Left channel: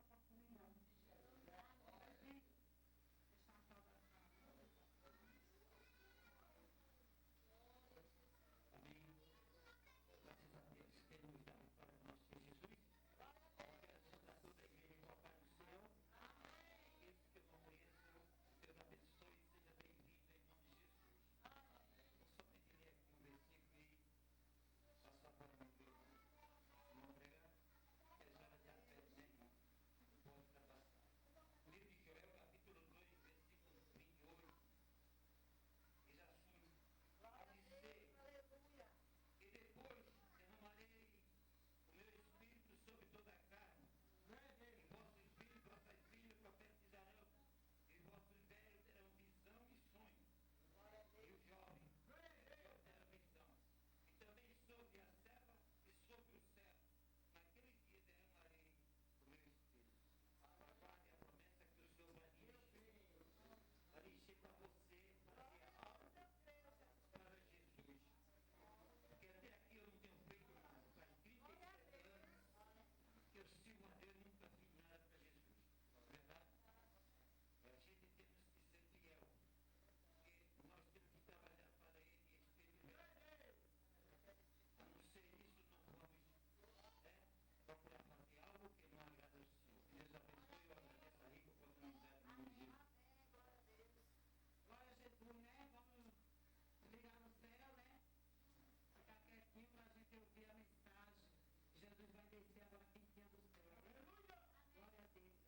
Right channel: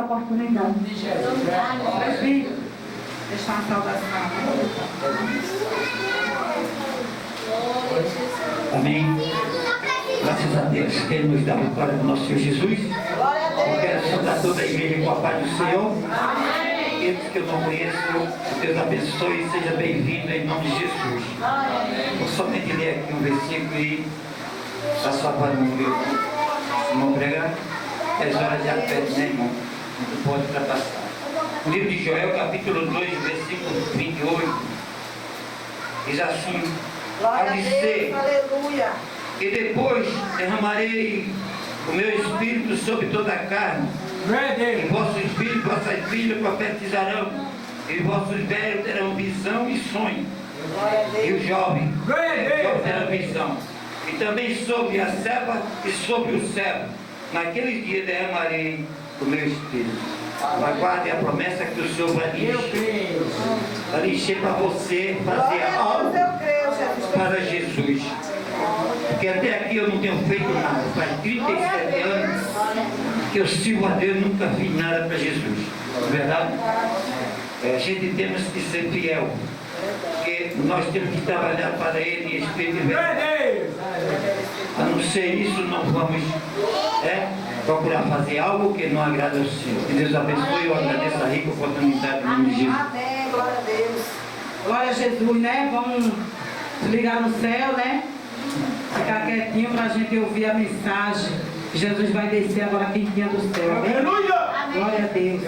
essa oportunidade. Presbítero, deixar uma saudação. Amém. Graças a Deus, que nos dá a vitória do nosso Senhor Jesus. Eu quero saudar toda a igreja com a paz do Senhor. Aqueles que eu não conheço, Deus abençoe e seja bem-vindo em nome de Jesus. Vou somente ler aqui um versículo e passar para o meu irmão pregar. É hora de afeto, né, irmão? Não pode ultrapassar. O livro de Joel, capítulo 2, versículo 28, diz assim: a dizer, aleluia. e depois derramarei o meu espírito sobre toda a carne. E vossos filhos e vossas filhas profetizarão, e vossos velhos terão visão e sonho, e os jovens terão visão. E também sobre a serva e sobre o servo, naqueles dias derramarei o meu espírito. Aguarde a promessa que o Senhor vai lhe encher para você fazer algo para Jesus. Porque até aqui eu não tenho feito nada. Faz 37 anos que eu sirvo a Deus e nunca fiz nada para Jesus. Não é verdade? A gente temos que ser fiel. Porque nós temos que trabalhar para Ele em espírito e verdade. A não ser isso, não vamos procurar fazer algo que não agrada ao Senhor. Que Deus abençoe. Eu agradeço a rica oportunidade em nome de Jesus. Amém, glória a Deus. Glória a Jesus, né? Vamos ligar no céu, né? Ficar quietinho para a gente ouvir a mensagem. Jesus vai descer agora quentinha do céu. Aleluia! Glória a Deus.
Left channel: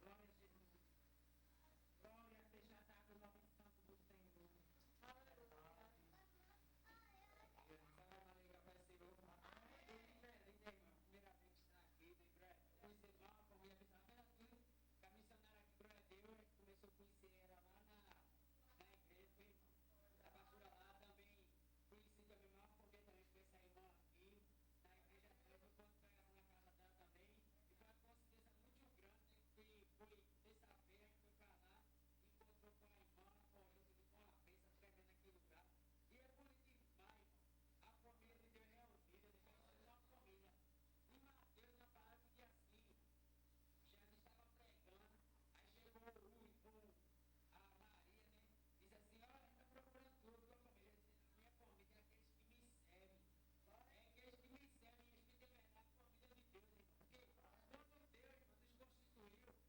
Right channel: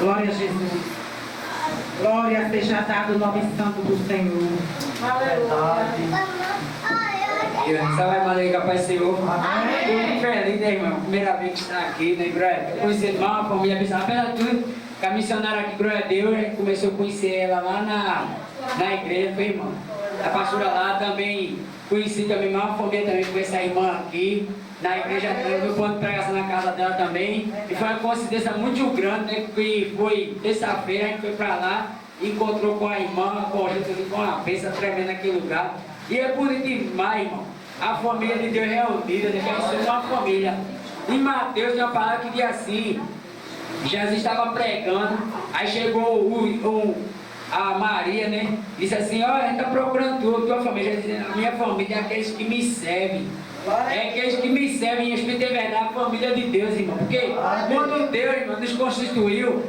Glória a Jesus. Glória seja dado o nome santo do Senhor. Salve Maria, Pai Senhor. Estou muito feliz, né, irmão? Primeira vez que está aqui, né, glória? Conhecer irmão, a família abençoada. Apesar de tudo, que a missionária aqui, glória a Deus, a gente começou a conhecer ela lá na igreja, foi, irmão? A pastora lá também, conheci também, uma família também com essa irmã aqui. Na igreja, no ponto de pregação na casa dela também. E foi uma coincidência muito grande, né? Que foi terça-feira, a gente foi para lá, encontrou com a irmã, com a gente com uma bênção tremenda naquele lugar. E é bonito demais, irmão. A família de Deus reunida, né? Que a gente é uma família. Em Mateus tem uma palavra que diz assim: Jesus estava pregando, aí chegou a Maria, né? Disse assim: olha, a gente está procurando tua família. Jesus, a minha família é aqueles que me servem. É aqueles que me servem em espírito e verdade, a família de Deus, irmão. Porque quando Deus, irmão, nos constituiu,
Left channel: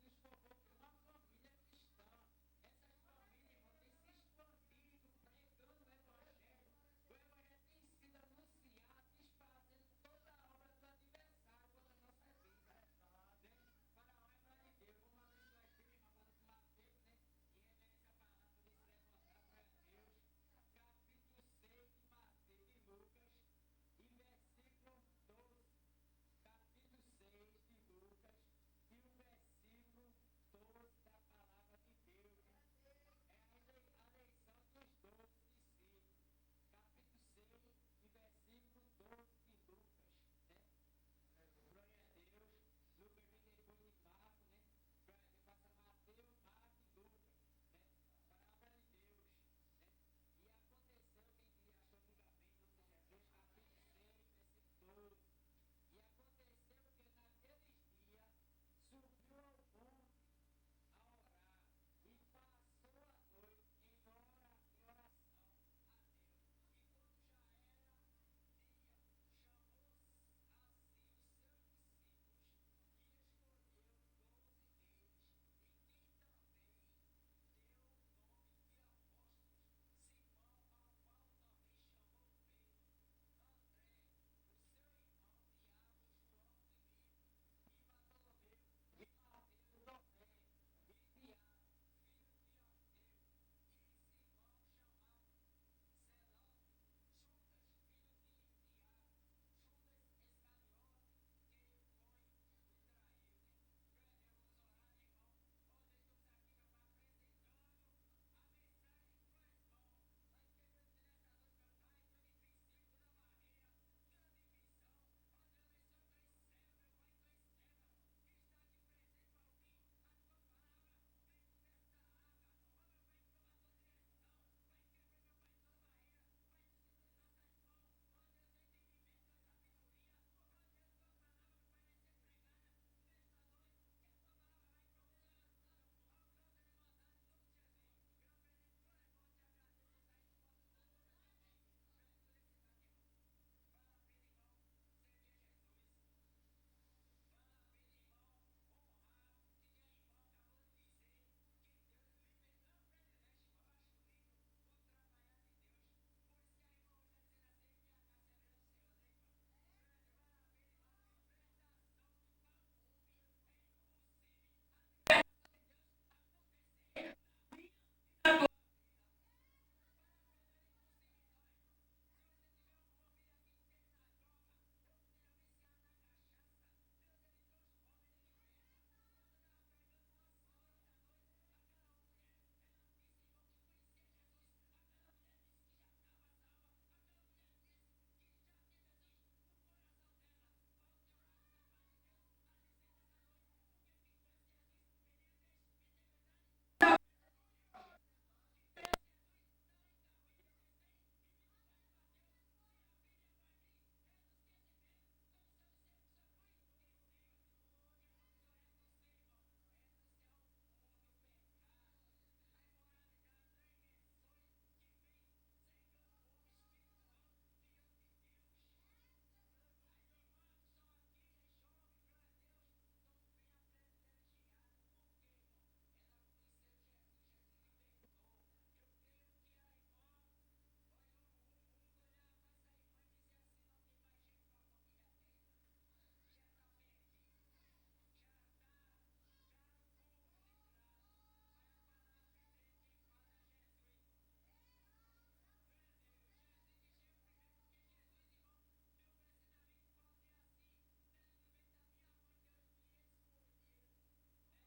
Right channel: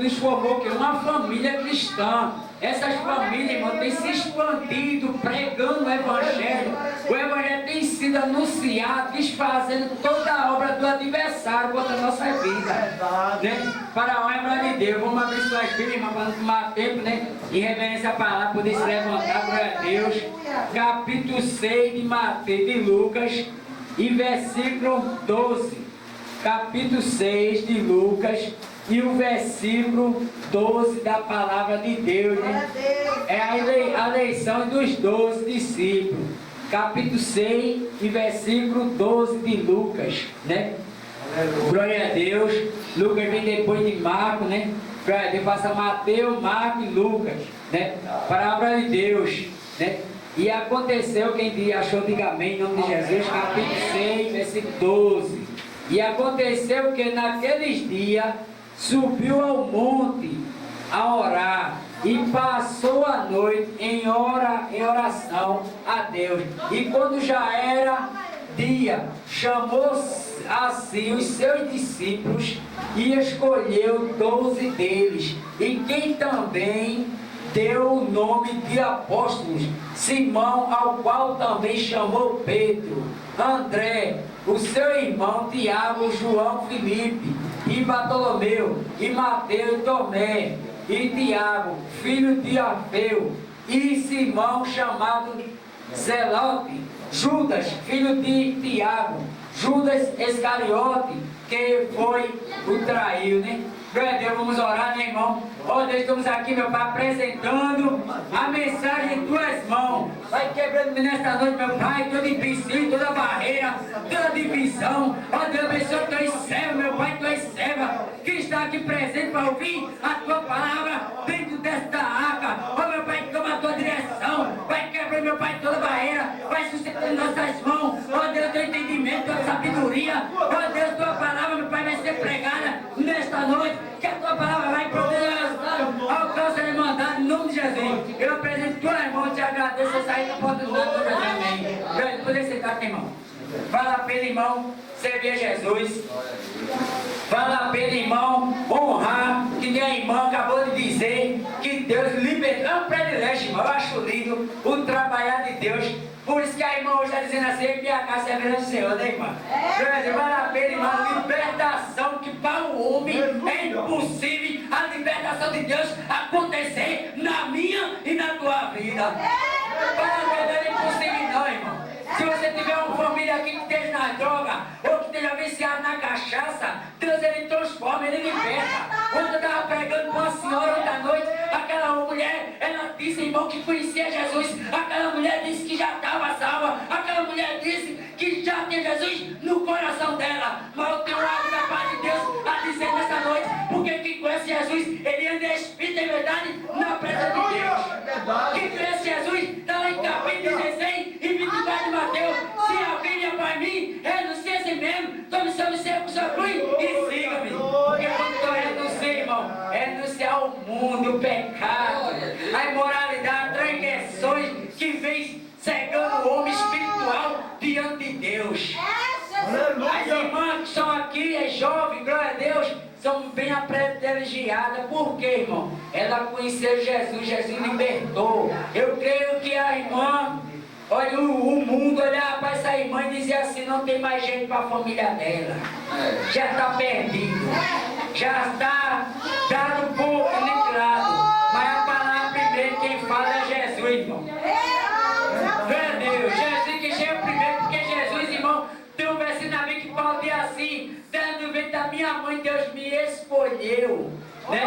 nos formou que uma família cristã. Essas famílias, irmão, têm se expandido, pregando o Evangelho. O Evangelho tem sido anunciado, desfazendo toda a obra do adversário contra a nossa vida. Né? Para a honra de Deus, vamos abrir suas Bíblias, irmão, para não tomar tempo, né? Em reverência à palavra, poder se levantar, glória a Deus. Capítulo 6 de Mateus, de Lucas, e versículo 12. Capítulo 6 de Lucas, e o versículo 12 da palavra de Deus, né? É a eleição dos 12 discípulos. Capítulo 6 e versículo 12 de Lucas, né? Glória a Deus. Lucas vem depois de Marcos, né? Glória a Deus, passa Mateus, Marcos e Lucas, né? Palavra de Deus, né? E aconteceu, quem achou, diga amém, em nome de Jesus, capítulo 6, versículo 12. E aconteceu que naqueles dias subiu ao monte a orar e passou a noite em oração a Deus. E quando já era dia, chamou a si os seus discípulos e escolheu 12 deles, e quem também deu o nome de apóstolos: Simão, ao qual também chamou Pedro, André, o seu irmão Tiago, João, Filipe e Bartolomeu, e Mateus, Tomé, e Tiago, filho de Alfeu, e Simão, chamado Zelote, Judas, filho de Tiago, Judas Iscariote, que foi o traiu, né? Glória a Deus, vamos orar, né, irmão? Ó Deus, estamos aqui, meu Pai, apresentando a mensagem em tuas mãos. Vai quebrando nesta noite, meu Pai, todo empecilho, toda barreira, toda divisão. Ó Deus, abençoe teus servos, meu Pai, tuas servas, que está aqui presente para ouvir a tua palavra dentro desta arca. Ó meu Pai, toma a tua direção. Vai quebrando, meu Pai, toda barreira. Vai sustentando nossas mãos. Ó Deus, teu entendimento, tua sabedoria. Ó Deus, tua palavra, meu Pai, vai ser pregada noite, que a tua palavra vai poder alcançar a irmandade, em nome de Jesus. Eu apresento tua irmã, te agradeço, eu saí da porta do Deus, amém. Grande, poder sentar aqui, irmão. Vale a pena, irmão, servir a Jesus. Vale a pena, irmão, honrar, que nem a irmã acabou de dizer, que Deus libertou. É um privilégio, irmão, eu acho lindo o trabalhar de Deus. Por isso que a irmã hoje está dizendo assim, minha casa é a do Senhor, né, irmã? Vale a pena, irmã, libertação, que para o homem é impossível a libertação de Deus acontecer na minha e na tua vida. Para Deus não é impossível não, irmão. Se você tiver uma família aqui que esteja na droga, ou que esteja viciado na cachaça, Deus ele transforma, ele liberta. Quando eu estava pregando com a senhora ontem à noite, aquela mulher, ela disse, irmão, que conhecia Jesus. Aquela mulher disse que já estava salva. Aquela mulher disse que já tem Jesus no coração dela. Mas eu tenho algo da parte de Deus a dizer nessa noite, porque quem conhece Jesus, ele anda em espírito e verdade na presença de Deus. Quem conhece Jesus, está lá em capítulo 16 e 24 de Mateus. Se alguém vier para mim, renuncie a si mesmo, tome seu sua cruz e siga-me. Porque quando eu renuncio, irmão, renunciar ao mundo, o pecado, a imoralidade, transgressões que vem cegando o homem espiritual diante de Deus. As irmãs que estão aqui, é jovem, glória a Deus, são bem privilegiadas. Por quê, irmão? Ela conheceu Jesus, Jesus libertou. Eu creio que a irmã, olha, o mundo olhava para essa irmã e dizia assim, não tem mais jeito para a família dela. Já está perdido. Já está dado um pouco livrado. Mas a palavra primeiro quem fala é Jesus, irmão. Meu Deus, Jesus que chega primeiro, porque Jesus, irmão, tem um versículo na Bíblia que Paulo diz assim, dando vento da minha mãe, Deus me escolheu. Né?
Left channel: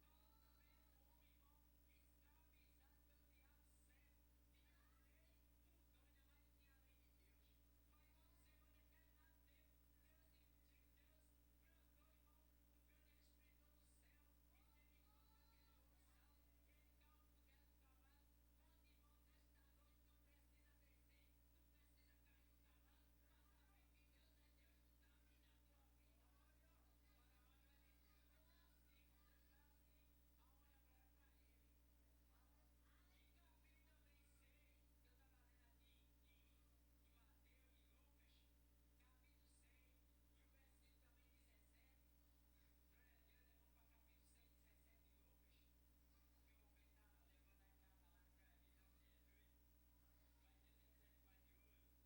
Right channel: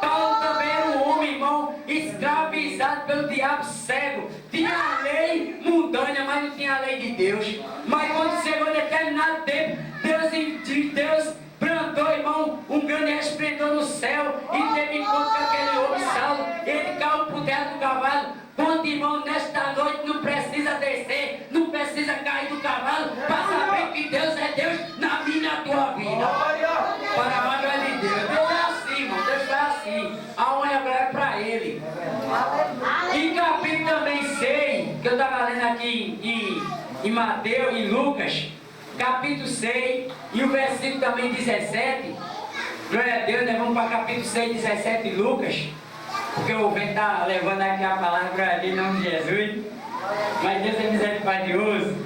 Paulo também era um homem, irmão, escravizado pelo diabo cego. Tinha a lei mundana, mas não tinha a lei de Deus. Mas quando chegou determinado tempo, Deus plantou, irmão, um grande resplendor no céu e teve encontro com aquele homem Saulo. Ele caiu por terra do cavalo. Quando, irmão, nesta noite não precisa descer, não precisa cair do cavalo para saber que Deus é Deus na minha e na tua vida. Para a glória de Deus. Deus é assim, irmão, Deus é assim. A honra e a glória é para Ele. E capítulo também 6, que eu estava lendo aqui em Mateus e Lucas, capítulo 6 e o versículo também 17. Glória a Deus, né? Vamos para capítulo 6, 17 de Lucas. Porque o vento está levando aqui a palavra ali em nome de Jesus. Mas Deus é misericordioso.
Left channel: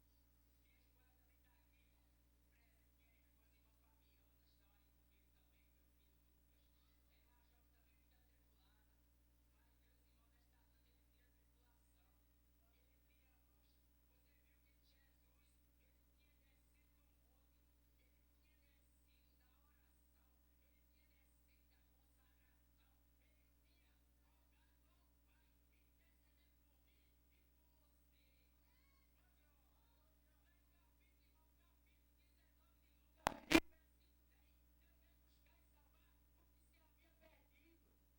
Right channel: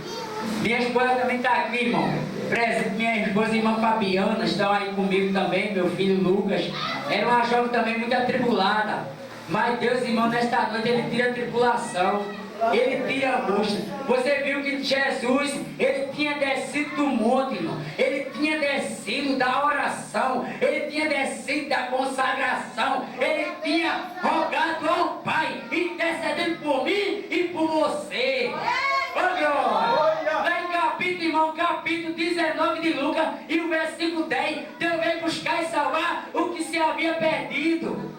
Minha esposa também está aqui, irmão. Presente, minha esposa e irmã Fabiana estão aí comigo também, meu filho Lucas. Era uma jovem também muito atribulada. Mas Deus, irmão, nesta noite Ele tira a tribulação. Ele tira a angústia. Você viu que Jesus, Ele tinha descido do monte, irmão. Ele tinha descido da oração. Ele tinha descido da consagração. Ele tinha rogado ao Pai, intercedendo por mim e por você. Lá em capítulo, irmão, capítulo 19 de Lucas e o versículo 10, Deus veio buscar e salvar o que se havia perdido.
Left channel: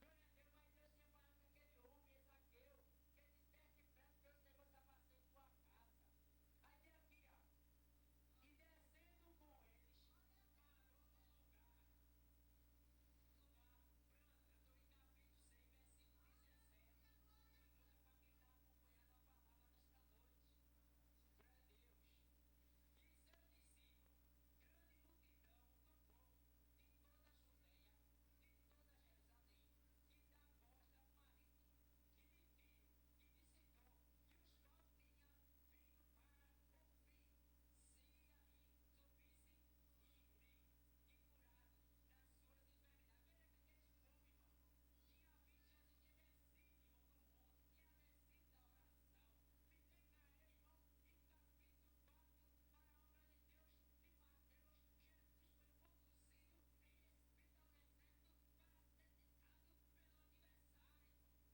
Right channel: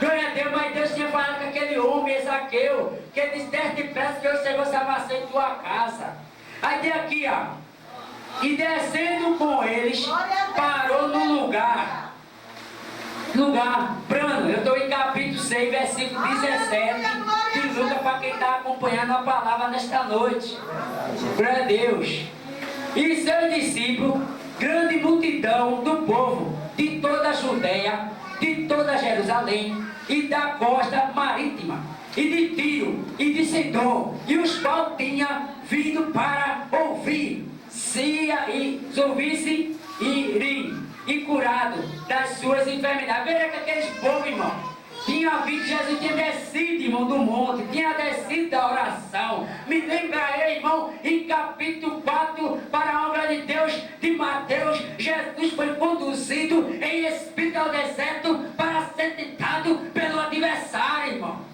Glória a Deus, mas Deus tinha falado com aquele homem, Ezaqueu, que ele disse, desce depressa que eu chegou a salvação em tua casa. Aí tem aqui, ó, e descendo com eles, parou no lugar plano. Eu estou em capítulo 6, versículo 17 de Lucas, para quem está acompanhando a palavra nesta noite. Glória a Deus. E seus discípulos, grande multidão do povo, de toda a Judeia, de toda Jerusalém, e da costa marítima, e de Tiro, e de Sidom, e os quais tinham vindo para ouvir, se ouvisse e curado das suas enfermidades. Veja que aqueles povos, irmão, tinha visto Jesus, tinha descido, irmão, do monte, tinha descido da oração. Me lembrarei, irmão, em capítulo 4, para a obra de Deus, de Mateus, Jesus foi conduzido em espírito ao deserto para ser tentado pelo adversário, irmão.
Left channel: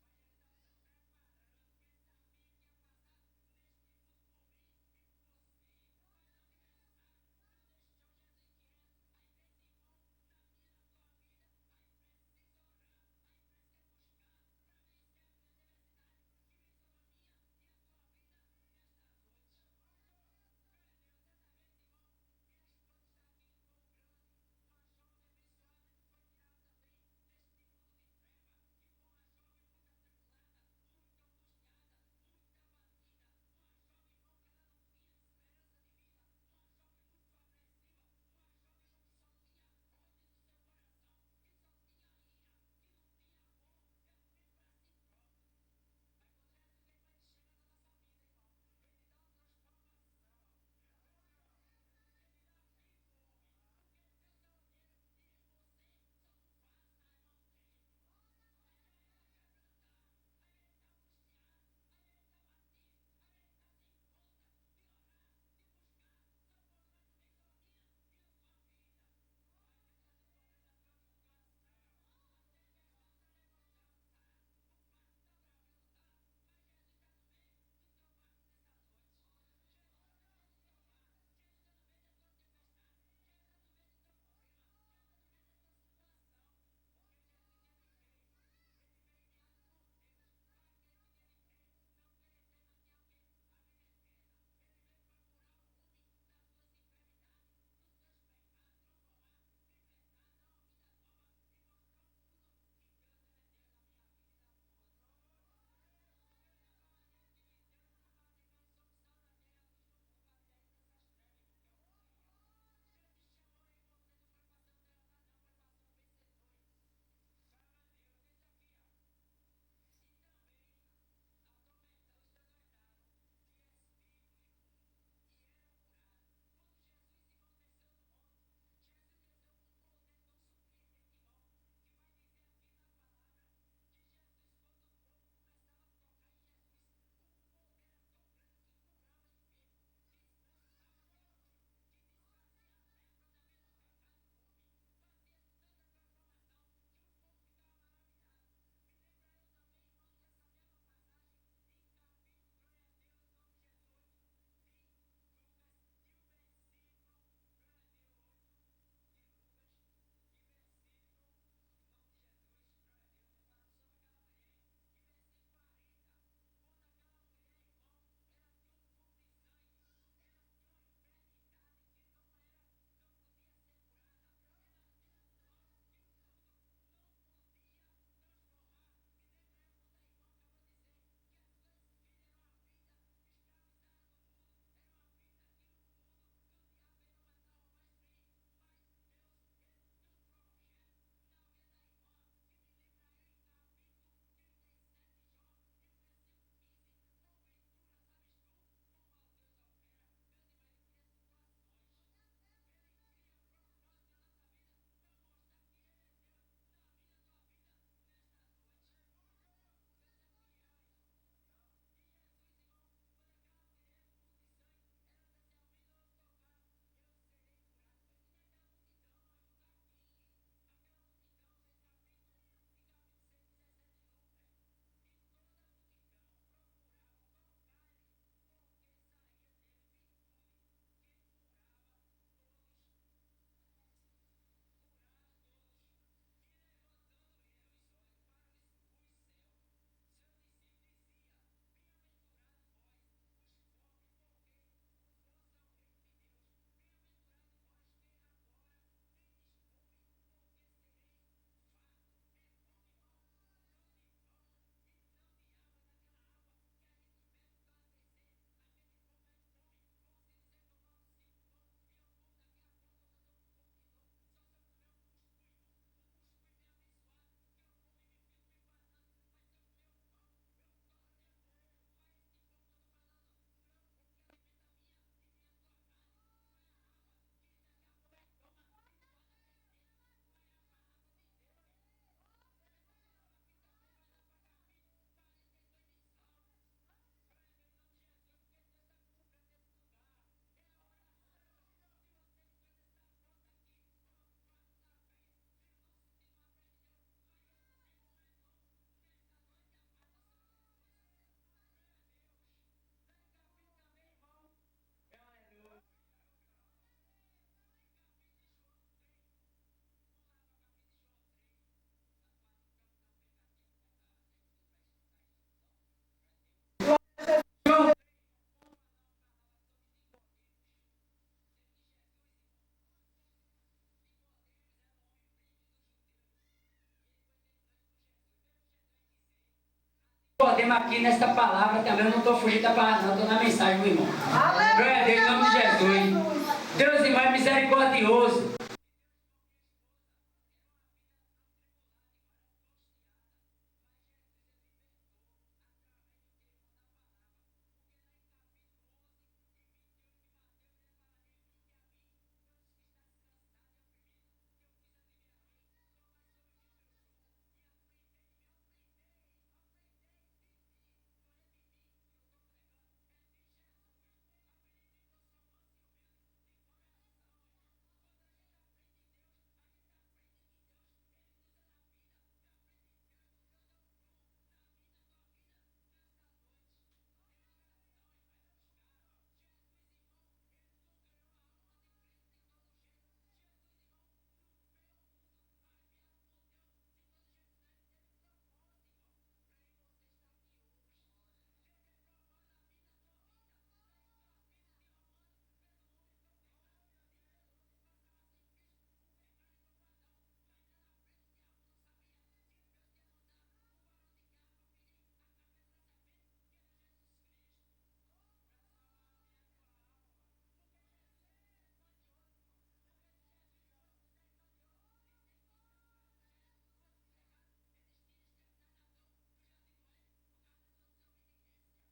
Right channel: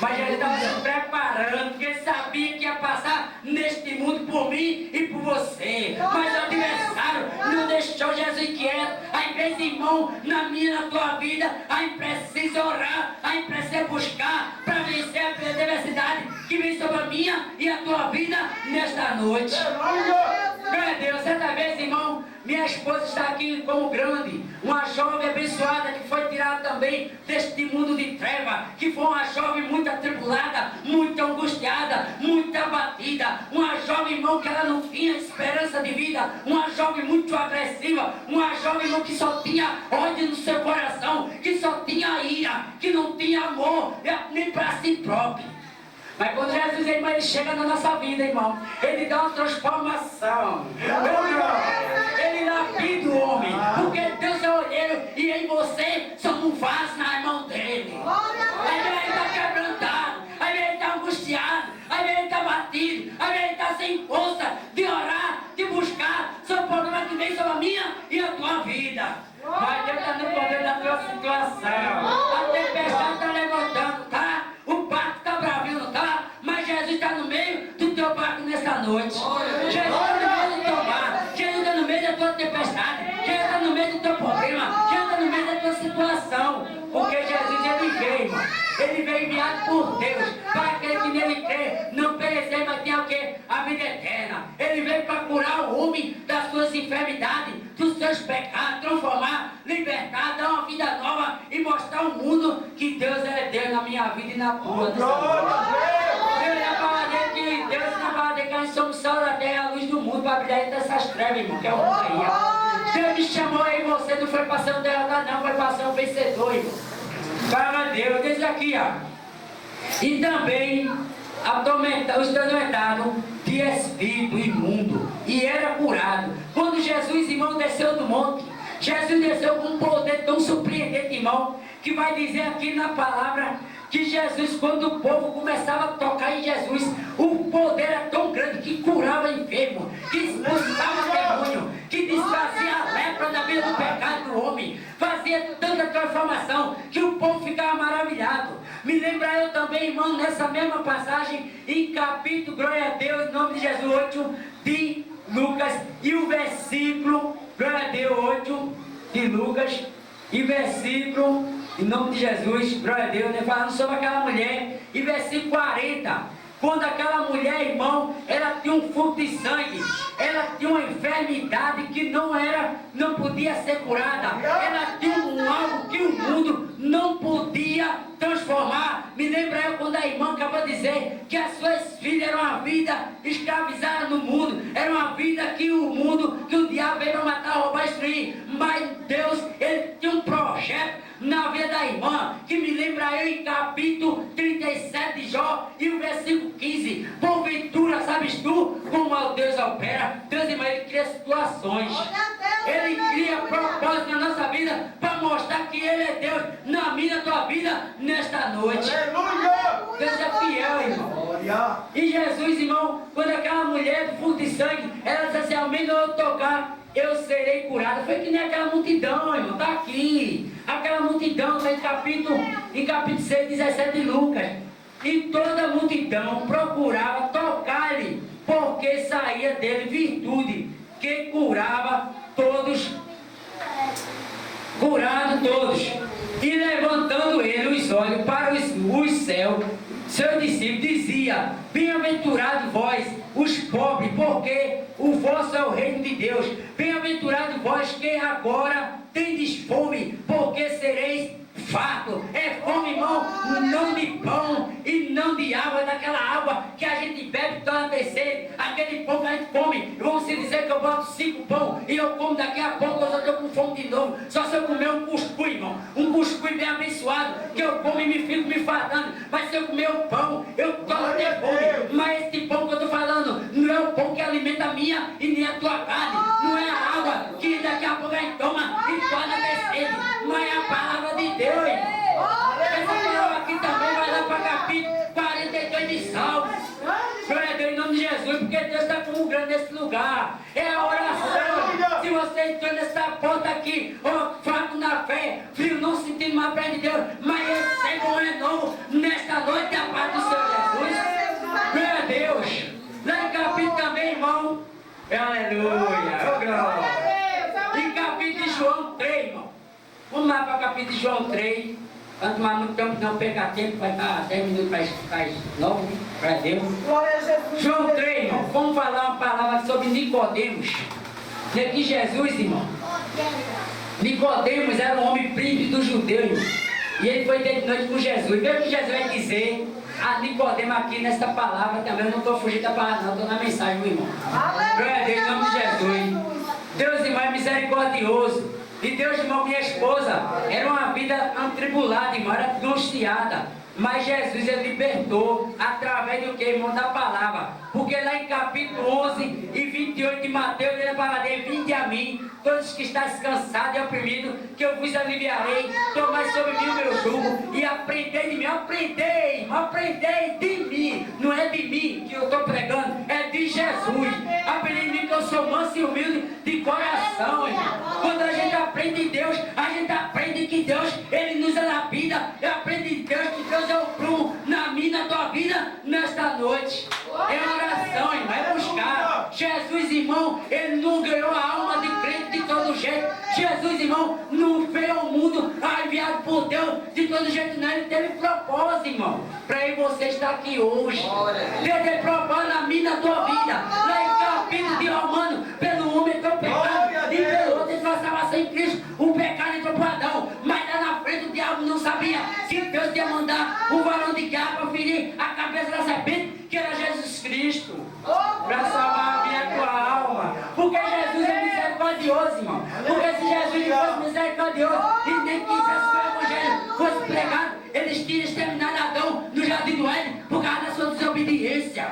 Mas ele estava se preparando, porque ele sabia que ia passar neste mundo por mim e por você. Mas o adversário não deixou Jesus quieto. Aí, vez, irmão, na minha e na tua vida, aí precisa orar, aí precisa buscar para vencer a adversidade que vem sobre a minha e a tua vida nesta noite. Glória a Deus. Certa vez, irmão, minha esposa está aqui como grande, uma jovem abençoada que foi tirada também deste mundo de treva, que foi uma jovem muito atribulada, muito angustiada, muito abatida, uma jovem, irmão, que ela não tinha esperança de vida, uma jovem muito agressiva, uma jovem, irmão, que só tinha ódio no seu coração, que só tinha ira, que não tinha amor, nem para si próprio. Mas quando Jesus, irmão, ele chega na nossa vida, irmão, ele dá uma transformação. Ele lapida o homem, porque Deus é olheiro e em você somos um vaso na mão dele. Aí ele está quebrantado, aí ele está angustiado, aí ele está batido, aí ele está sem força de orar, de buscar. São problemas que vem sobre a minha e a tua vida. Mas Deus está no poder da tua situação. A tempestade está levantando, tá? O barco está bravinho, não tá? Mas Jesus está no meio do teu barco nessa noite. Jesus está no meio do teu mar. Jesus está no meio da tua tempestade. Jesus está no meio do teu problema. Jesus está no meio da tua situação. Porque Jesus, ele veio, irmão. Ele veio enviado por Deus para aquele que nele crê, não perecer, mas ter o quê? A vida eterna. Ele veio para curar o homem das suas enfermidades, dos seus pecados, transformar, libertar, dar uma vida nova e mostrar ao mundo que Deus é Deus na minha vida e na tua. Deus é para dizer que Deus é para dizer que nós somos sal da terra, a luz do mundo, para brilhar entre essas trevas, irmão, que é o mundo aí. Deus me chamou aí, você não foi para ser um derrotado, não, foi para ser um vencedor, irmão. Para Deus, diz aqui, ó. E também os atormentados de espírito imundo, e era curado. Quando Jesus, irmão, desceu do monte, Jesus desceu com um poder tão surpreendente, irmão, que vai dizer aqui na palavra que Jesus, quando o povo começava a tocar em Jesus, o poder era tão grande que curava enfermo, que expulsava demônio, que desfazia a lepra da vida do pecado do homem, fazia tanta transformação que o povo ficava maravilhado. Me lembra eu também, irmão, nessa mesma passagem, em capítulo, glória a Deus, em nome de Jesus, 8 de Lucas, e o versículo, glória a Deus, 8 de Lucas, e versículo, em nome de Jesus, glória a Deus, né, falando sobre aquela mulher, e versículo 40, quando aquela mulher, irmão, ela tinha um fluxo de sangue, ela tinha uma enfermidade que não podia ser curada, ela tinha algo que o mundo não podia transformar. Me lembra eu quando a irmã acabou de dizer que as suas filhas eram uma vida escravizada no mundo, era uma vida que o diabo veio para matar, roubar e destruir, mas Deus, ele tinha um projeto na vida da irmã, que me lembra eu em capítulo 37 de Jó, e o versículo 15, porventura, sabes tu como o Deus opera? Deus, irmão, ele cria situações, ele cria propósito na nossa vida, para mostrar que ele é Deus na minha, na tua vida, nesta noite. Deus é fiel, irmão. E Jesus, irmão, quando aquela mulher do fluxo de sangue, ela disse assim, ao menos eu tocar, eu serei curada. Foi que nem aquela multidão, irmão, está aqui. Aquela multidão está em capítulo 6, 17 de Lucas. E toda a multidão procurava tocar-lhe, porque saía dele virtude, que curava todos, curado todos. E levantando ele os olhos para os céus, seu discípulo dizia, bem-aventurado vós, os pobres, porque o vosso é o reino de Deus. Bem-aventurado vós que agora tendes fome, porque sereis farto. É fome, irmão, não de pão e não de água, daquela água que a gente bebe toda terceira, aquele pão que a gente come. Vão se dizer que eu boto 5 pão e eu como daqui a pouco, eu já estou com fome de novo. Só se eu comer um cuscuz, irmão, um cuscuz bem abençoado, que eu como e me fico me fartando. Mas se eu comer o pão, eu torno a ter fome. Mas esse pão que eu estou falando não é o pão que alimenta a minha e nem a tua carne, não é a água que daqui a pouco a gente toma e torna a ter sede, mas é a palavra de Deus. Essa palavra aqui também vai lá para capítulo 42 de Salmos. Glória a Deus em nome de Jesus, porque Deus está como grande nesse lugar. É a oração. Se você entrou nessa porta aqui, fraco na fé, frio, não sentindo mais perto de Deus, mas receba um renovo nesta noite, a paz do Senhor Jesus. Glória a Deus. Lá em capítulo também, irmão. Aleluia. Glória. Em capítulo de João 3, irmão. Vamos lá para o capítulo de João 3. Quanto mais muito tempo não pegar tempo, vai estar 10 minutos para 9, para Deus. Glória a Jesus. João 3, irmão, vamos falar uma palavra sobre Nicodemos. E aqui Jesus, irmão. Nicodemos era um homem príncipe dos judeus. E ele foi de noite com Jesus. Vê o que Jesus vai dizer a Nicodemos aqui nesta palavra também. Eu não estou fugindo da palavra, não, estou na mensagem, meu irmão. Glória a Deus, em nome de Jesus. Deus, irmão, é misericordioso. E Deus, irmão, minha esposa, era uma vida atribulada, irmão, era angustiada. Mas Jesus, ele libertou através do que, irmão? Da palavra. Porque lá em capítulo 11 e 28 de Mateus, ele fala dele: vinde a mim, todos que estáis cansados e oprimidos, que eu vos aliviarei. Tomai sobre mim o meu jugo e aprendei de mim. Aprendei de mim. Não é de mim que eu estou pregando, é de Jesus. Aprendei de mim que eu sou manso e humilde de coração, irmão. Quando a gente aprende de Deus, a gente aprende que Deus, ele nos lapida. Aprende de Deus que Deus é o prumo na minha, na tua vida, nesta noite. É oração, irmão, é buscar. Jesus, irmão, ele não ganhou a alma de crente de todo jeito. Jesus, irmão, não veio ao mundo enviado por Deus de todo jeito, não. Ele teve propósito, irmão, para eu e você estar aqui hoje. Deus tem propósito na minha, na tua vida. Lá em capítulo de Romano, pelo homem entrou o pecado e pelo outro entrou a salvação em Cristo. O pecado entrou para Adão, mas lá na frente o diabo não sabia que Deus ia mandar um varão de guerra para ferir a cabeça da serpente, que era Jesus Cristo, para salvar a minha e a tua alma. Porque Jesus é misericordioso, irmão. Porque se Jesus não fosse misericordioso e nem quisesse que o evangelho fosse pregado, eles tinham exterminado Adão no jardim do Éden por causa da sua desobediência.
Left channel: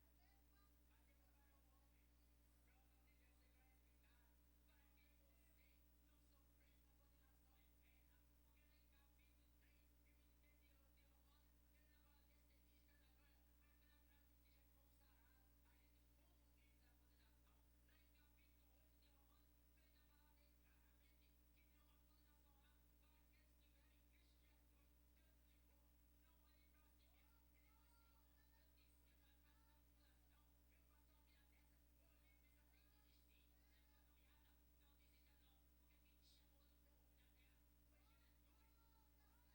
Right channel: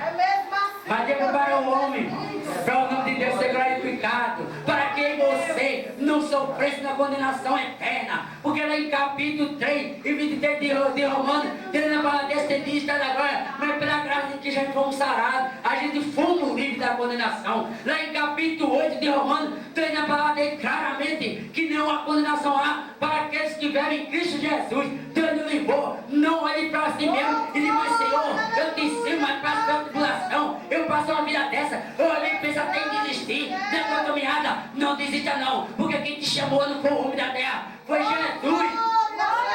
Mas Deus preparou o homem para o nome de Deus ser glorificado, para que você não sofresse na condenação eterna. Porque lá em capítulo 3 e 23 de Romanos, ele na palavra desse dia está na glória, mas pela graça de que já fomos sarados, a gente fomos livres da condenação. Lá em capítulo 8 de Romanos, tem na palavra dele claramente que não há condenação há para aqueles que vivem em Cristo Jesus. Deus nos livrou, não olhe para si mesmo e diz: mas Senhor, eu te ensino, mas passo pela tribulação, eu passo uma vida dessa, eu olhei e penso até em desistir da tua caminhada. Não desista não, porque quem te chamou não foi o homem da terra, foi Jesus.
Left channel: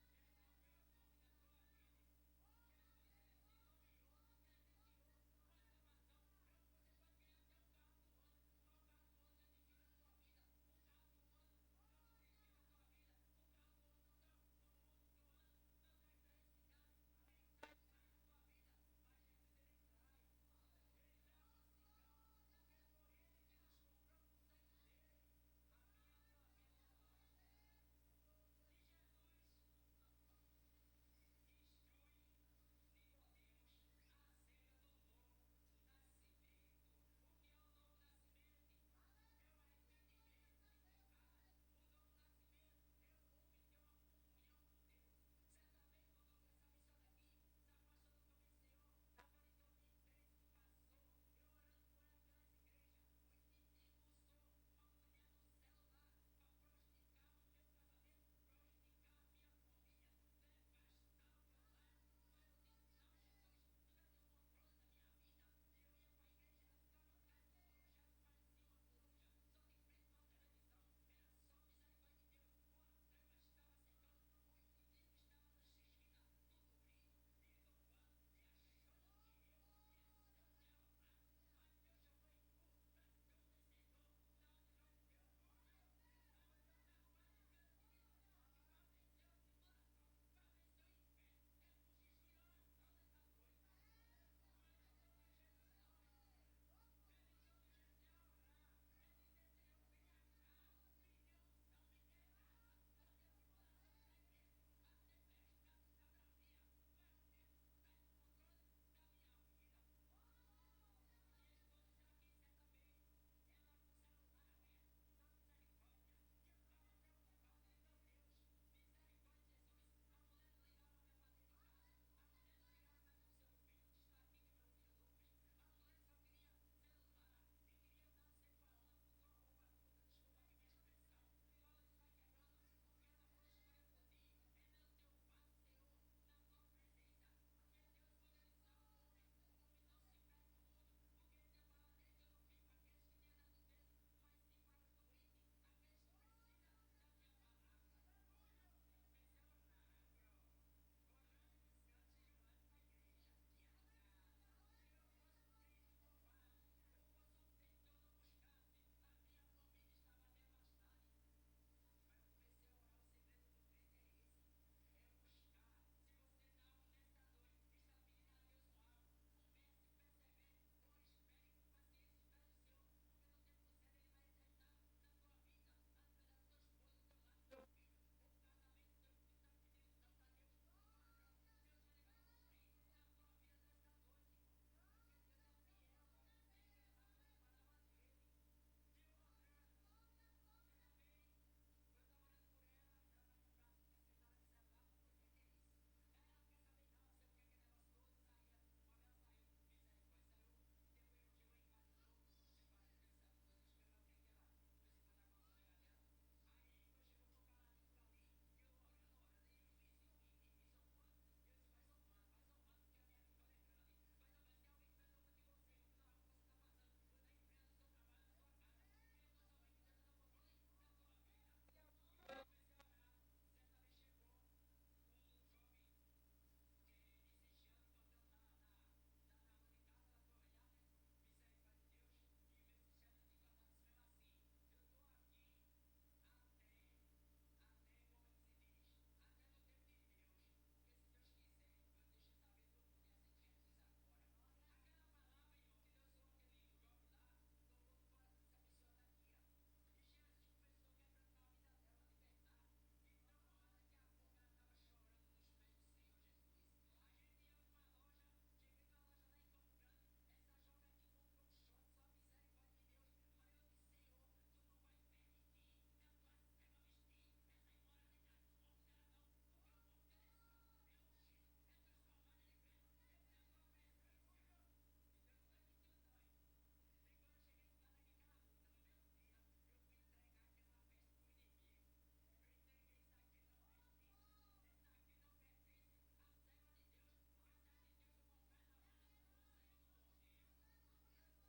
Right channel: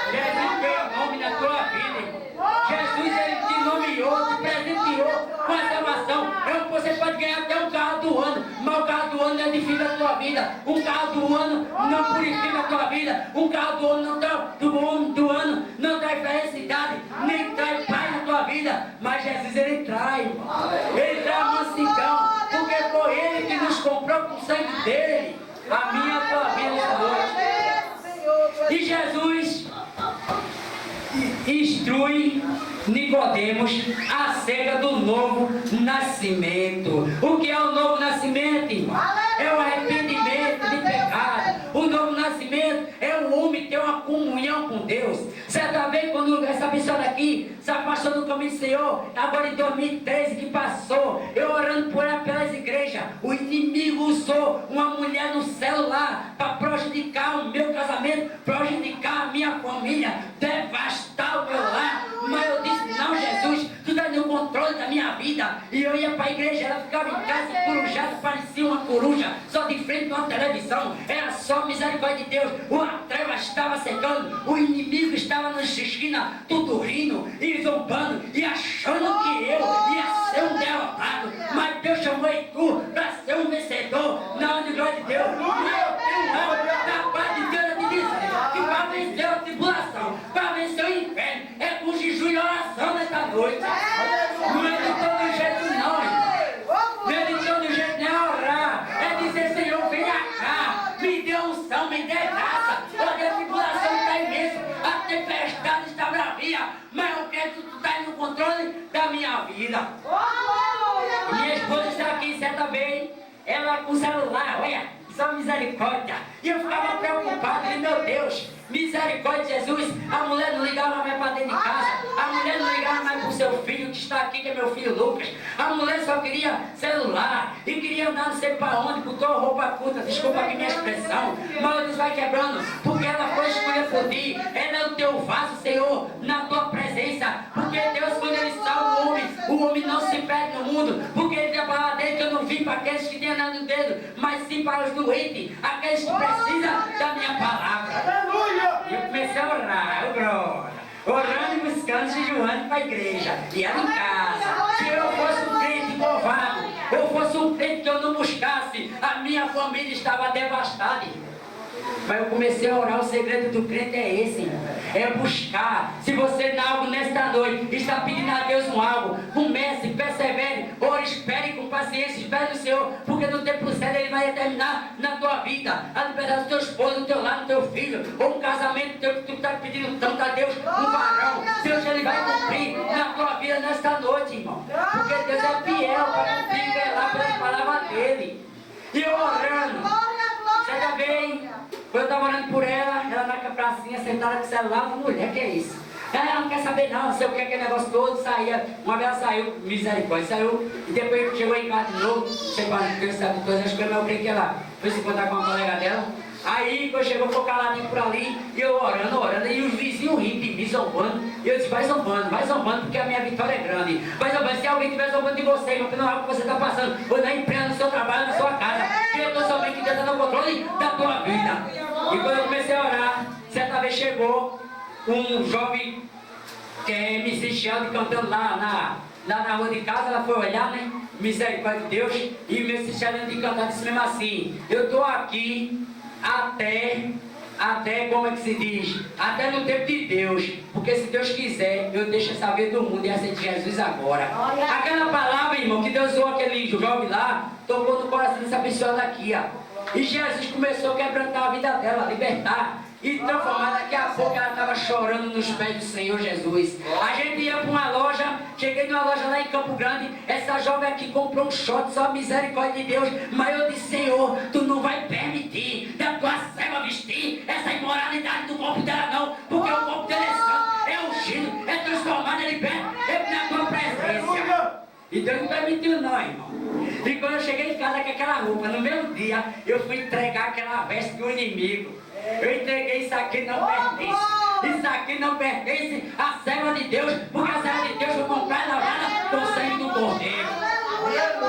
Jesus veio o nome da tua vida, irmão. Jesus, ele te nomeou, te presenteou com a salvação. Você pode ganhar até um carro do ano, mas o carro do ano não edifica a tua vida. Um carro do ano não purifica a tua vida. Um carro do ano não traz felicidade, nem traz paz na tua vida. Mas Jesus, ele traz, irmão. Ele traz mansidão, porque foi ele que nos comprou com o sangue dele. A minha e a tua vida nessa noite. E Jesus instrui Nicodemos acerca do novo nascimento. O que é o novo nascimento, irmão? É o arrependimento de pecado. O novo nascimento é o homem ter uma comunhão com Deus. Certa vez, quando essa pessoa daqui se afastou do caminho do Senhor, agora em 2013 que passou, eu orando por ela pelas igrejas, o inimigo usou uma mulher no celular para prejudicar o meu casamento, prejudicar a minha família, devastar o meu lar. Mas eu disse: não, Jesus, tu está no controle da minha vida. E eu ia para a igreja, ela ficava em casa corujada, parecia uma coruja, só de frente a uma televisão. Era só misericórdia de Deus. A treva estava secando, o inimigo estava nas esquinas, tudo rindo e zombando e achando que eu ia ser um derrotado. Mas Deus chamou tu para ser um vencedor na glória de Deus. E eu tenho da paz de Deus, eu te disse que para vencer a tribulação, para vencer o inferno, é com jejum e oração nesta noite. Não é de todo jeito não, irmão. Não é de todo jeito, não é orar. É dizer: Senhor, venha cá, me dê unção, me dê graça. Olha, a tribulação está imensa, a tempestade está bravia, mas eu quero que tu está no controle da minha vida. Minha esposa está aqui certa vez, ela com o celular, olha, só misericórdia. E eu ficava preocupado, e meu Deus, misericórdia de Jesus. A mulher não ligava mais para dentro de casa, a mulher não ligava mais para o seu filho que está aqui, que é meu filho Lucas. A mulher só queria celular e queria andar não sei para onde, botou roupa curta, desculpa aqui minha expressão, mas eu disse: vai quebrando, porque ela foi escolher por ti. Ela é o teu vaso, Senhor, na tua presença. Porque Deus, quando ele salva o homem não se perde no mundo. Porque ele tem a palavra dele que eu não vim para aqueles que têm nada no dedo, mas sim para os doentes, aqueles que precisam da minha palavra. E eu comecei a orar, glória. anos jejuando para a igreja. E ela em casa. Se eu fosse um crente covarde, ou fosse um crente que eu não buscasse, a minha família estava devastada. Mas eu comecei a orar, o segredo do crente é esse, irmão. É buscar. Se você não algo nesta noite, está pedindo a Deus um algo, comece, persevere, ore, espere com paciência, espere no Senhor, porque no tempo certo Ele vai determinar na tua vida a liberdade do teu esposo, do teu lado, do teu filho, ou um casamento teu que tu está pedindo tanto a Deus, um varão. Deus, Ele vai cumprir na tua vida nesta noite, irmão. Porque Deus é fiel para cumprir e velar pelas palavras dEle. E eu orando. Certa vez, quando eu estava orando por ela na pracinha, sentada com o celular, eu falei, mulher, que é isso? Ela não quer saber não sei o que, aquele negócio todo, saía, uma vez ela saiu, misericórdia, saiu, e depois chegou em casa de novo, não sei quando, eu sabe todas as coisas, mas eu creio que ela foi se encontrar com uma colega dela. Aí, quando chegou, ficou caladinho por ali, e eu orando, e os vizinhos rindo de mim, zombando. E eu disse, vai zombando, porque a minha vitória é grande. Vai zombando, se alguém estiver zombando de você, irmão, que não é o que você está passando, ou na empresa, no seu trabalho, na sua casa, que eu estou sabendo que Deus está no controle da tua vida. E quando eu comecei a orar, certa vez chegou um jovem, que é MC Sheldon, cantando lá na rua de casa, ela foi olhar, né? Misericórdia de Deus, e o MC Sheldon de cantar disse mesmo assim, eu estou aqui até, como é que se diz? Até no tempo de Deus. Porque se Deus quiser, eu deixo essa vida do mundo e aceito Jesus agora. Aquela palavra, irmão, que Deus usou aquele jovem lá, tocou no coração dessa pessoa daqui, ó. E Jesus começou a quebrantar a vida dela, libertar e transformar. Daqui a pouco ela estava chorando nos pés do Senhor Jesus. A gente ia para uma loja, cheguei numa loja lá em Campo Grande, essa jovem aqui comprou um short, só misericórdia de Deus. Mas eu disse, Senhor, tu não vai permitir da tua serva vestir essa imoralidade do corpo dela não, porque o corpo dela é santo, é ungido, é transformado, é liberto, é na tua presença. E Deus não permitiu não, irmão. E quando eu cheguei em casa com aquela roupa, no mesmo dia, eu fui entregar aquela veste do inimigo. Eu entreguei, isso aqui não pertence. Isso aqui não pertence à serva de Deus, porque a serva de Deus foi comprada e lavada com o sangue do Cordeiro.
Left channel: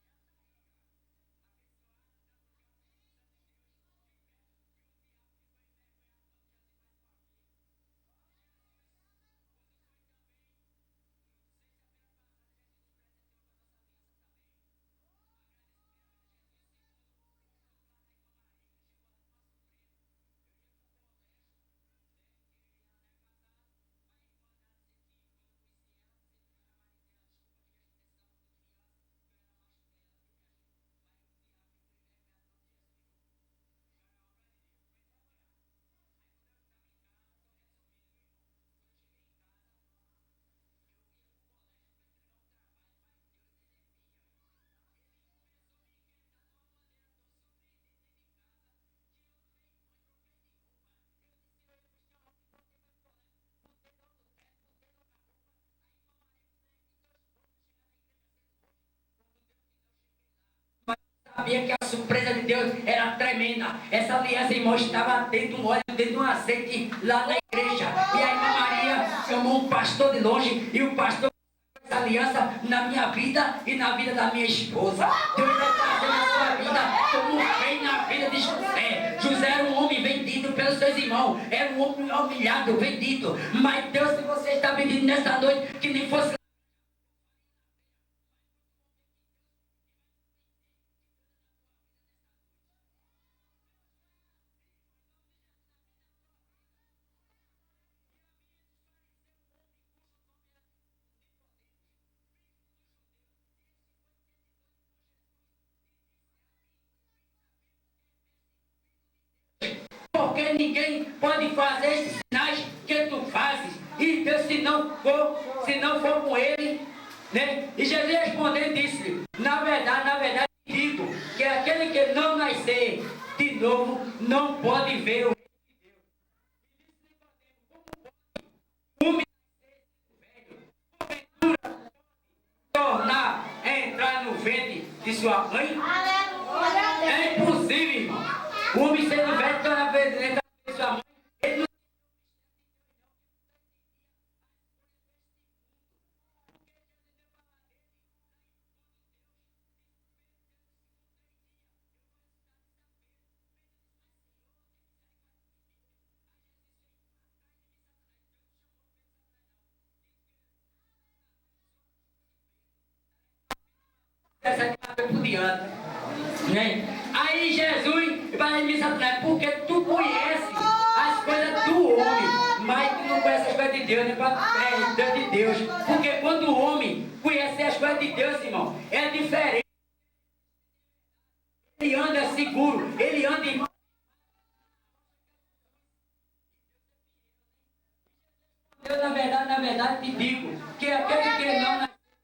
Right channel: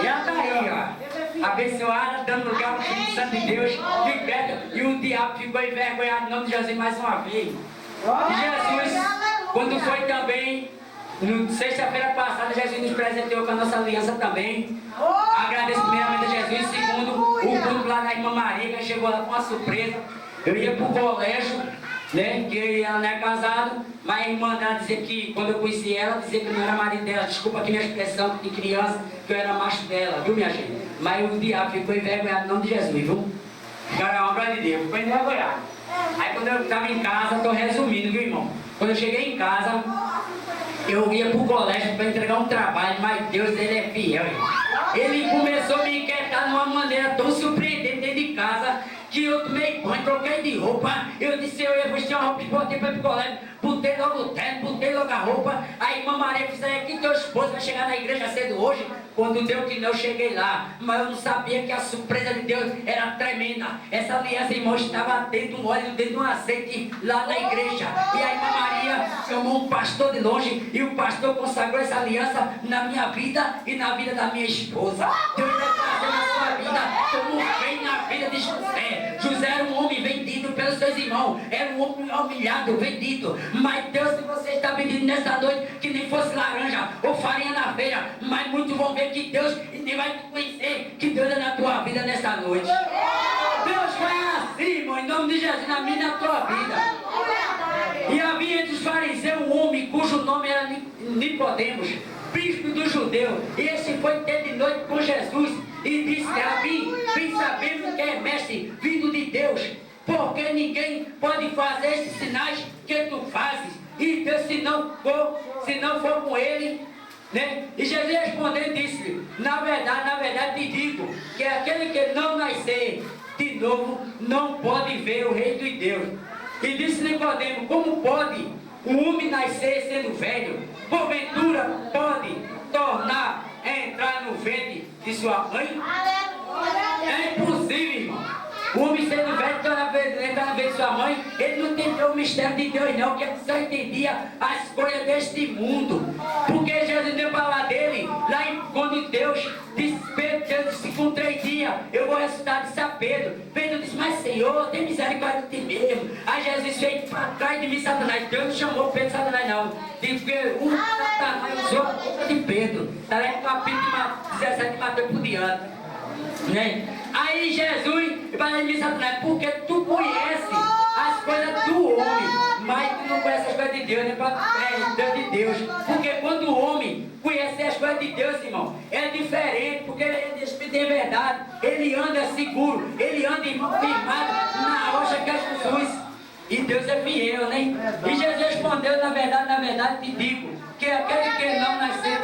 E ela está aí, ó, abençoada, dando lugar ao Espírito Santo de Deus, liberta, e o diabo ficou envergonhado em nome de Jesus mais uma vez. E Jesus, quando foi também, sexta-feira passada, Jesus nos presenteou com a nossa aliança também. Agradeço primeiramente a Jesus, segundo, o culto lá da irmã Maria, que chegou lá com uma surpresa. Eu ia para o colégio, né, que ela não é casada, mas a irmã dela dizia que, quando eu conheci ela, dizia que eu não era marido dela. Desculpa aqui minha expressão de criança, que eu era macho dela, viu minha gente? Mas o diabo ficou envergonhado em nome de Jesus, viu? Cara, uma glória de Deus, ficou envergonhado. Aí quando eu estava em casa, estou resumindo, viu irmão? Quando eu cheguei em casa, eu ia para o colégio para entregar um trabalho, mas Deus, Ele é fiel, irmão. Ele começou a me inquietar de uma maneira tão surpreendente dentro de casa, que eu tomei banho, troquei de roupa. Eu disse, eu ia vestir uma roupa esportiva para ir pro colégio. Botei logo o terno, botei logo a roupa. Aí irmã Maria disse, aqui teu esposo vai chegar na igreja cedo hoje. Quando deu que não, eu cheguei lá. Mas eu não sabia que a surpresa de Deus era tremenda. Essa aliança, irmão, estava dentro de um óleo, dentro de um azeite lá na igreja. E a irmã Maria chamou um pastor de longe, e o pastor consagrou essa aliança na minha vida e na vida da minha esposa. Deus vai trazer na sua vida como fez na vida de José. José era um homem vendido pelos seus irmãos, era um homem humilhado, vendido. Mas Deus, se você está vendido nessa noite, que nem fosse laranja ou farinha na feira, mas muitos vão ver que Deus, e nem vai conhecer que Deus é na tua vida nessa noite. Deus vai assim, irmão, em nome de Jesus, na minha e na tua vida. E havia entre os fariseus um homem cujo nome era Nicodemos, bispo do judeu. E esse foi ter de noite com Jesus e disse, Rabi, bem sabemos que é mestre vindo de Deus, porque ninguém pode fazer esses sinais que tu fazes, e Deus se não for com ele, né? E Jesus respondeu e disse, na verdade te digo, que aquele que não nascer de novo não pode ver o reino de Deus. E disse Nicodemo, como pode o homem nascer sendo velho? Porventura pode tornar a entrar no ventre de sua mãe? É impossível, irmão. O homem sendo velho entrar no ventre de sua mãe, ele não entendeu o mistério de Deus não, que ele só entendia as coisas deste mundo. Porque Jesus deu para lá dele, lá quando Deus disse com 3 dias eu vou ressuscitar, disse a Pedro. Pedro disse, mas Senhor, tem misericórdia de ti mesmo. Aí Jesus fez para trás de mim, Satanás. Deus não chamou Pedro de Satanás, não. Diz que o Satanás usou a boca de Pedro. Está lá no capítulo 17 de Mateus por diante. Né? Aí Jesus vai dizer, Satanás, porque tu conhece as coisas do homem, mas tu não conhece as coisas de Deus, né? Deus de Deus. Porque quando o homem conhece as coisas de Deus, irmão, é diferente, porque ele é Espírito de verdade, ele anda seguro, ele anda firmado na rocha que é Jesus. E Deus é fiel, né? E Jesus respondeu, na verdade te digo, que aquele que não nascer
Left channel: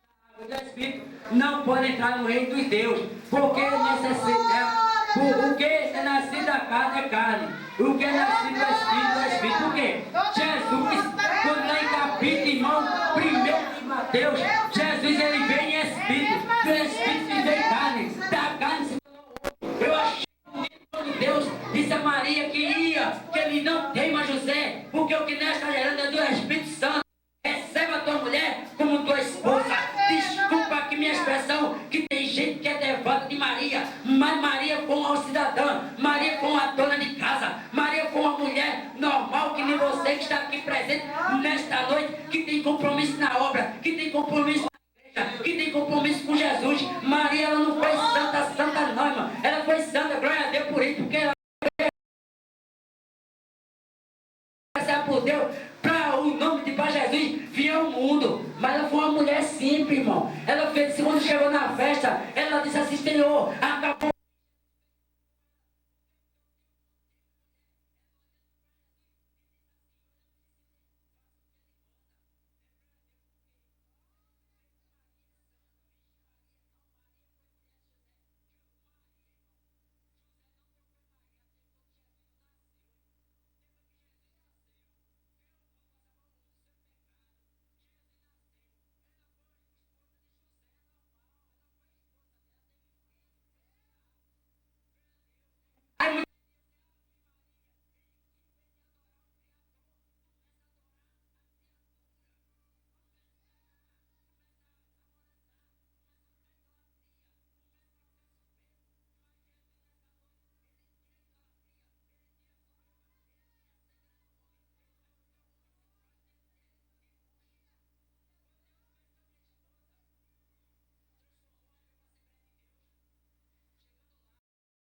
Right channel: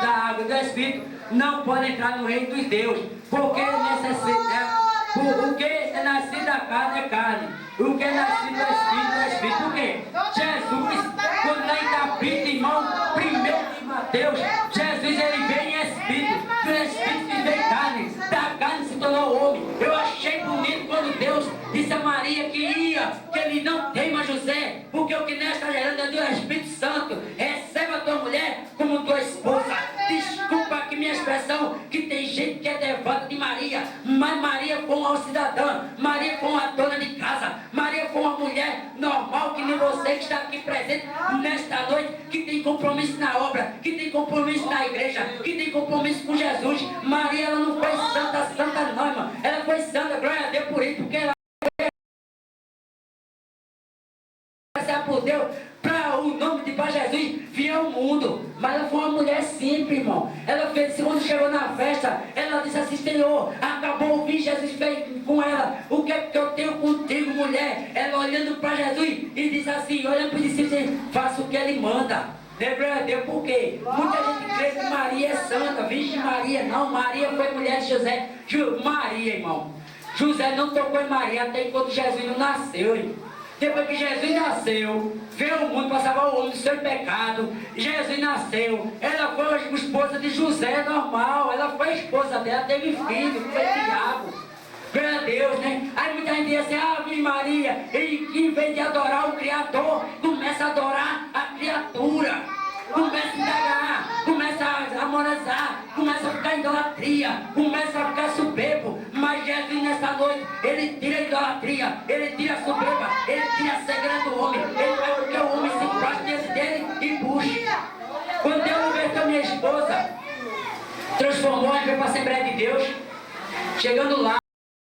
da água do Espírito não pode entrar no reino dos Deus, porque o que é nascido da carne é carne, o que é nascido do Espírito é Espírito. Por quê? Jesus, quando lá em capítulo, irmão, primeiro de Mateus, Jesus ele vem em Espírito, do Espírito se vem carne, da carne se tornou homem. Eu achei bonito quando Deus disse a Maria que ele não teima José, porque o que nesta gerando é do Espírito Santo. Receba a tua mulher como tua esposa. Desculpa aqui minha expressão, que tem gente que é devota de Maria, mas Maria foi uma cidadã, Maria foi uma dona de casa, Maria foi uma mulher normal, que nem você que está aqui presente nesta noite, que tem compromisso na obra, que tem compromisso na igreja, que tem compromisso com Jesus. Maria, ela não foi santa não, irmão. Ela foi santa, glória a Deus por isso, porque ela por Deus, para o nome de Pai Jesus vir ao mundo. Mas ela foi uma mulher simples, irmão. Ela fez, quando chegou na festa, ela disse assim, Senhor, acabou o vinho, Jesus fez com ela, o que é que eu tenho contigo, mulher? Ela olhando para Jesus e disse assim, olhando para os discípulos, faça o que ele manda. Glória a Deus, por quê? Muita gente crê que Maria é santa, Virgem Maria, não, Maria foi mulher de José. Maria, irmão, José não tocou em Maria até enquanto Jesus não nasceu, irmão. Depois que Jesus nasceu, veio ao mundo para salvar o homem do seu pecado. Jesus nasceu, ela foi esposa de José, normal. Ela foi esposa dela, teve filho, foi Tiago. Glória a Deus, né? Aí muita gente diz assim, Virgem Maria, e em vez de adorar o Criador, começa a adorar a criatura. Começa a indagar, começa a amorazar, começa a ficar em idolatria, começa a ficar soberbo. Mas Jesus nessa noite, ele tira a idolatria, ele tira a soberba, ele tira a cegueira do homem, ele faz com que o homem se prostre diante dele e busque. Quando Deus converteu minha esposa, transformou, a gente foi para a Assembleia de Deus. Chegando lá,